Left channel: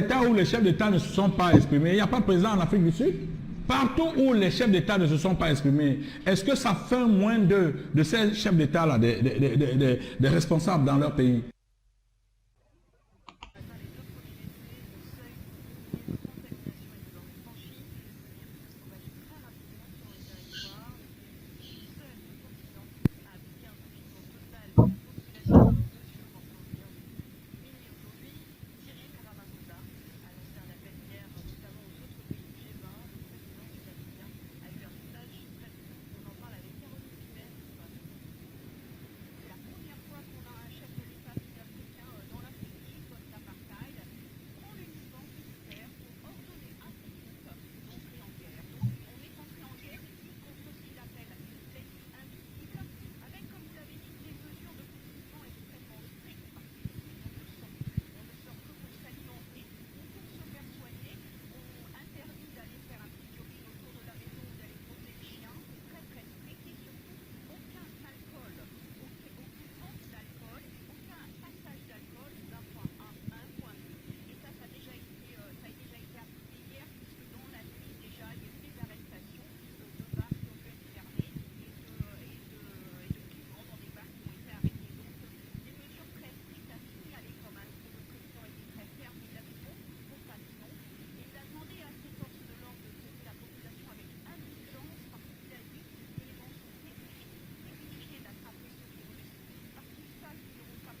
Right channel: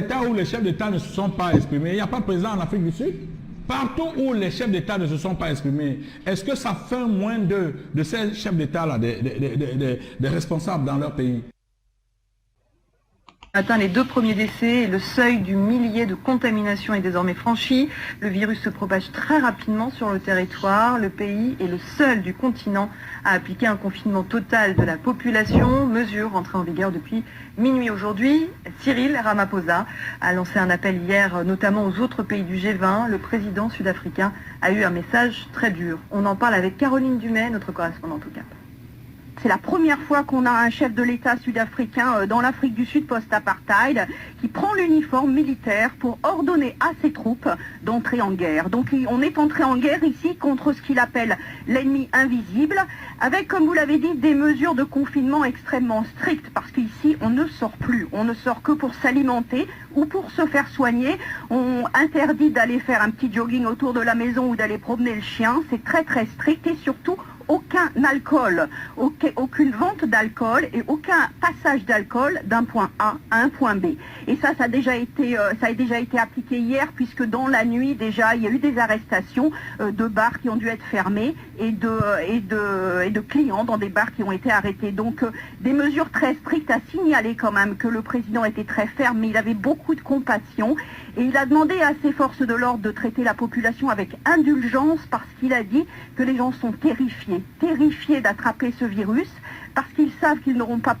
États où les chefs d'État ne se sont pas exprimés, il n'y a pas de président en Afrique du Sud. Partout où les chefs d'État ne se sont pas exprimés, est-ce que ça fait moins de ces chefs d'État-là, des responsables dans leur pays? Atteint les 2 premiers décès et le seuil du millier de contaminations est désormais franchi. Le virus se propage très rapidement sur le territoire. Le pays est le seul du continent à appliquer un confinement total de la population. Mesure entrée en vigueur depuis minuit aujourd'hui. Cyril Ramaphosa a lancé un appel hier, notamment aux autres pays du G20. Le président sud-africain a eu un message très dur. On en parle avec Caroline Dumais, notre correspondante au Cap. C'est la première fois qu'on a un chef de l'État sud-africain dans l'Afrique du Sud post-apartheid qui prend l'uniforme militaire pour ordonner à ses troupes d'entrer en guerre. Donc on est entré en guerre ici contre ce qu'il appelle l'ennemi invisible, avec, comme vous l'avez dit, des mesures de confinement extrêmement strictes, parce qu'ici on ne sort plus. On ne sort que pour s'alimenter ou pour se faire soigner. On interdit d'aller faire un petit jogging autour de la maison ou d'aller promener le chien. C'est très très strict et surtout aucun alcool, aucune vente d'alcool et aucun passage d'alcool d'un point A à un point B. Et ça a déjà été appliqué hier, puisque dans la nuit déjà il y a eu des arrestations de bars qui ont dû être fermés et de clients dans des bars qui ont été arrêtés. Donc des mesures très strictes, à signaler quand même que le président était très ferme, mais il avait beaucoup de compassion. Et il a demandé à ses forces de l'ordre de traiter la population avec indulgence, parce qu'il a dit que les gens sont terrifiés d'attraper ce virus, parce qu'ils savent qu'ils n'auront pas